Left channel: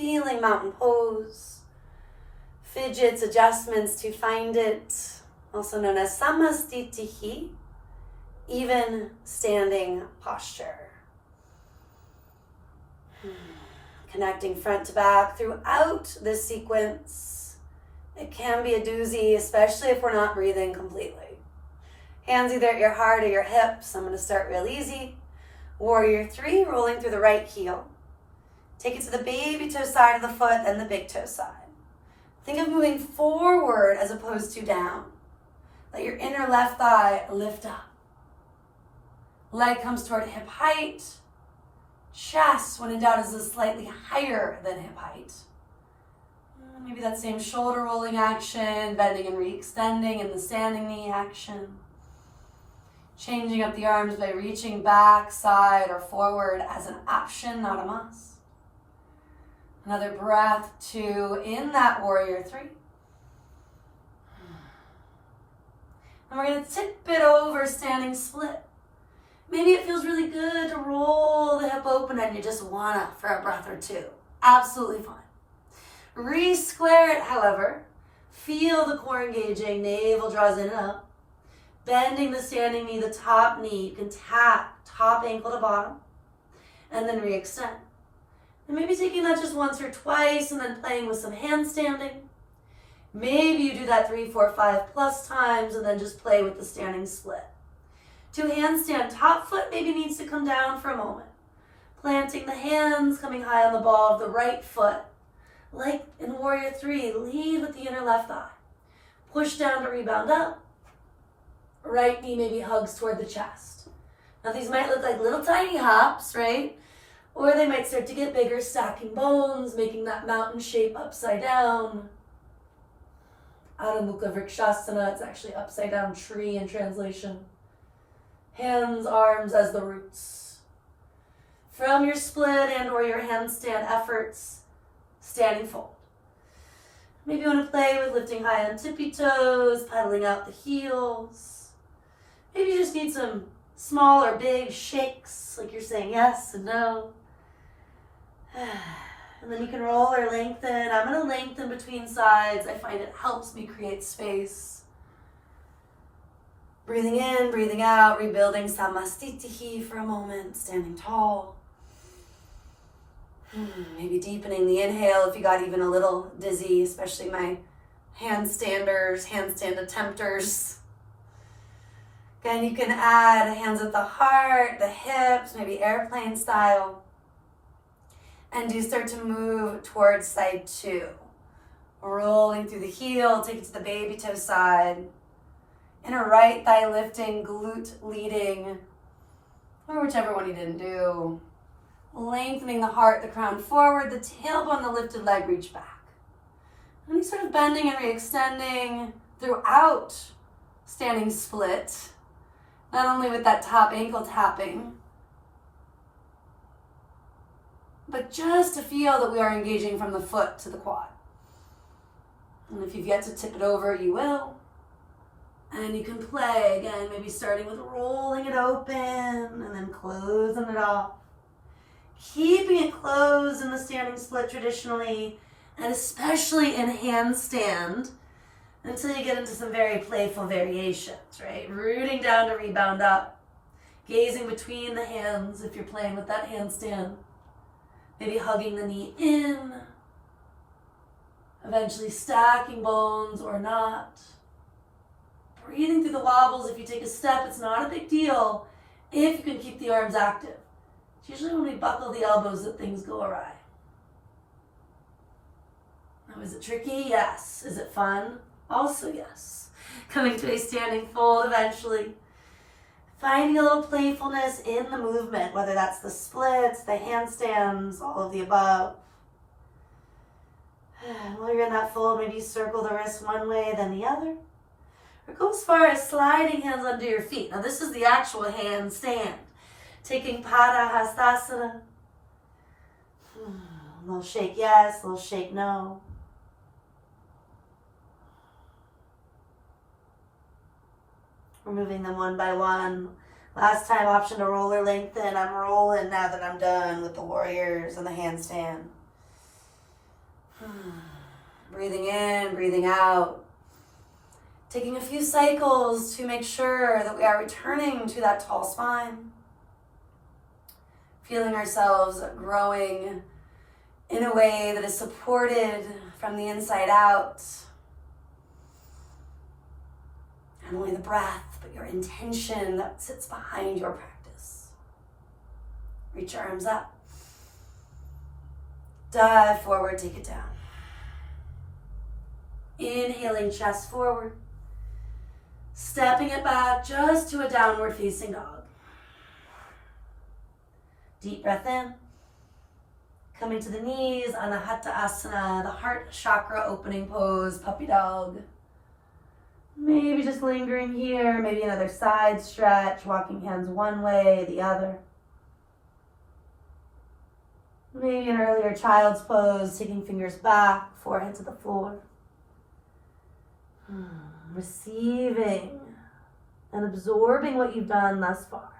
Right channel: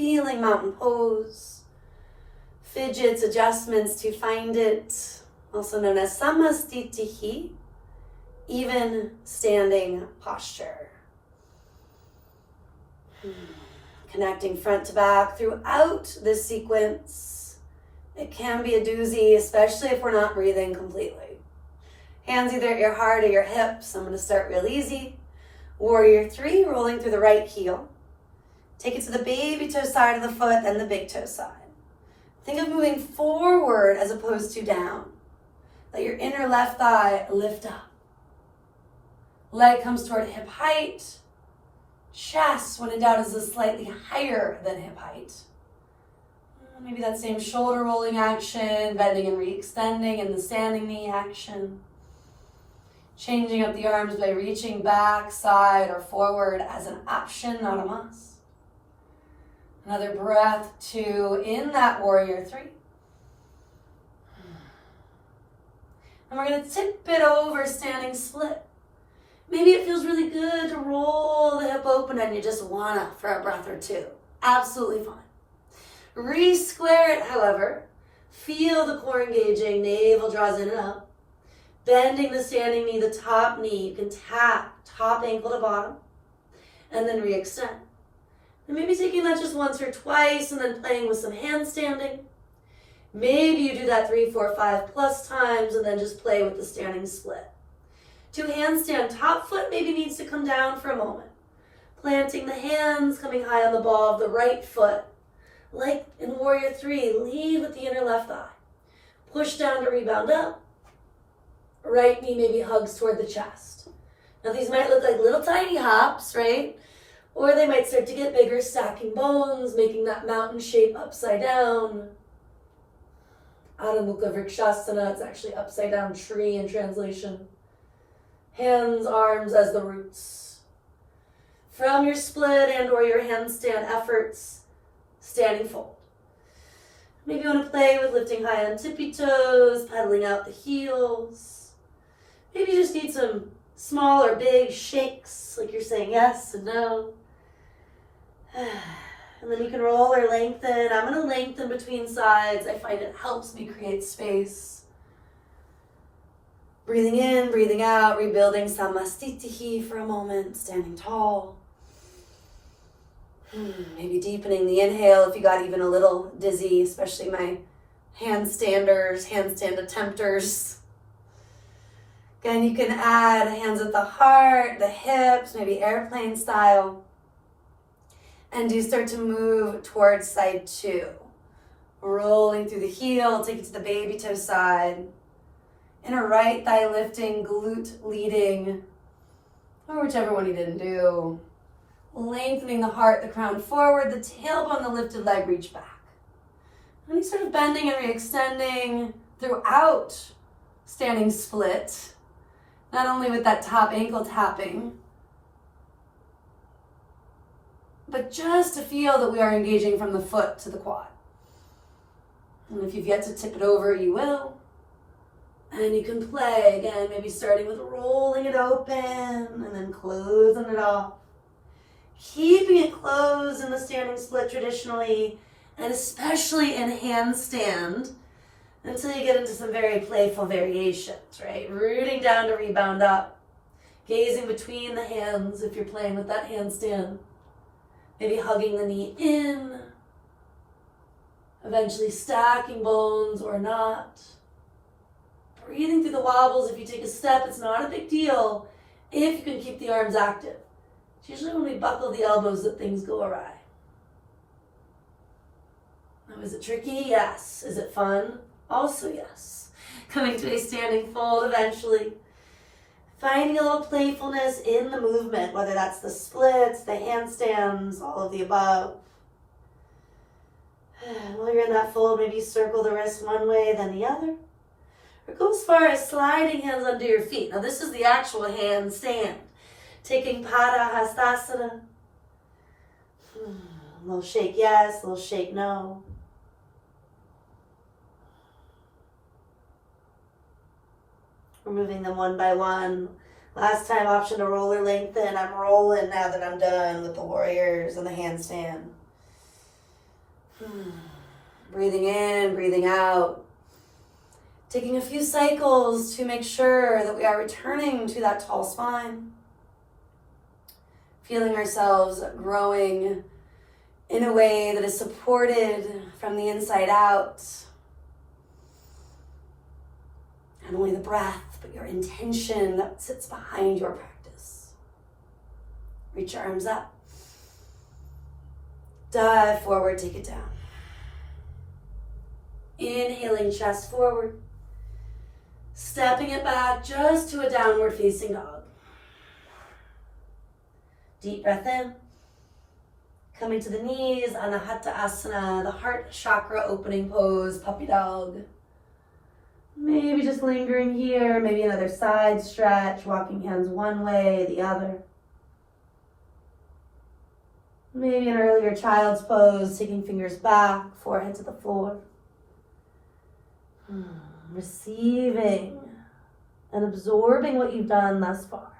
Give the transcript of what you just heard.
feeling mountain pose. Fidgets, adjustments to find it, also known as samastitihi, even standing posture. Connecting front to back throughout this sequence. It can be a doozy, especially if we're not breathing completely. Hands either at your heart or your hips. I'm going to start real easy. Warrior 3, rolling through the right heel. Take it to the baby toe side of the foot and the big toe side. Think of moving forward as opposed to down. Let your inner left thigh lift up. Leg comes toward hip height. Chest, when in doubt, is slightly higher than hip height. Maybe that same shoulder rolling action, bending and re-extending in the standing knee action. Changing up the arms by reaching back, side, or forward as an option, not a must. Another breath, 2 in that warrior 3. And we're going to tip it over standing split. Maybe it feels really good to roll the hip open and you just wanna for a breath or 2. Absolutely fine. Re-square it, however. Feel the core engaging, navel draws in and up. Bending the standing knee, the top knee. You can tap top ankle to bottom. And then re-extend. And maybe taking that just once or twice and then playing with some handstanding. Maybe you do that 3, 4, 5 plus times and then just play with the standing split. To handstand, top foot maybe needs to come down for a moment. Planting the hands, coming high on the ball of the right foot. Like in Warrior 3, lead with the inner left thigh. Push down to rebound up. Right knee maybe hugs toward the chest. Now these might look like little tiny hops, right? Or they might start to get bigger, stacking bones, making that mountain shape upside down. Adho Mukha Vrikshasana, it's actually upside down tree in translation. Hands, arms as the roots. From your split and or your handstand efforts, standing fold. Maybe you want to play with lifting high on tippy toes, pedaling out the heels. Maybe you just need some small or big shakes, like you're saying yes and no. And then you can roll or lengthen. I'm going to lengthen between sides. I find it helps me create space. Breathing in, breathing out, rebuilding samastitihi for a moment, standing tall. Maybe deepening the inhale if you got even a little dizzy, especially my handstanders, handstand attempters. Again, you can add hands at the heart, the hips, maybe airplane style. And you start to move towards side 2. Rolling through the heel, take it to the baby toe side. Inner right thigh lifting, glute leading, or whichever one you didn't do. Lengthening the heart, the crown forward, the tailbone, the lifted leg, reach back. And you sort of bending and re-extending throughout standing split, not only with that top ankle tapping, but just to feel that we are engaging from the foot to the quad. And if you've yet to tip it over, you will. And you can play again, maybe starting with rolling it open and then closing it off. Keeping it closed in the standing split traditionally, and especially in handstand, until you get into some very playful variations, right? Rooting down to rebound up, gazing between the hands if you're playing with that handstand. Maybe hugging the knee in, eventually stacking bones or not. Breathing through the wobbles. If you take a step, it's not a big deal if you can keep the arms active. It's usually when we buckle the elbows that things go awry. Now, is it tricky? Yes. Is it fun? Also yes. Coming to a standing fold eventually. Finding a little playfulness in the movement, whether that's the splits, the handstands, all of the above. While you're in that fold, maybe circle the wrist one way, then the other. Or go as far as sliding hands under your feet. Now this is the actual handstand. Taking Pada Hastasana. A little shake yes, a little shake no. We're moving them one by one. Last time, option to roll or lengthen. I'm rolling now that I'm done with the warriors and the handstand. Breathing in, breathing out. Taking a few cycles to make sure that we are returning to that tall spine. Feeling ourselves growing in a way that is supported from the inside out. Not only the breath, but your intention that sits behind your practice. Reach your arms up. Dive forward, take it down. Inhaling, chest forward. Stepping it back just to a downward facing dog. Deep breath in. Coming to the knees, Anahata Asana, the heart chakra opening pose, puppy dog. Maybe just lingering here, maybe another side stretch, walking hands one way, the other. Maybe an earlier child's pose, taking fingers back, forehead to the floor. Receiving and absorbing what you've done thus far.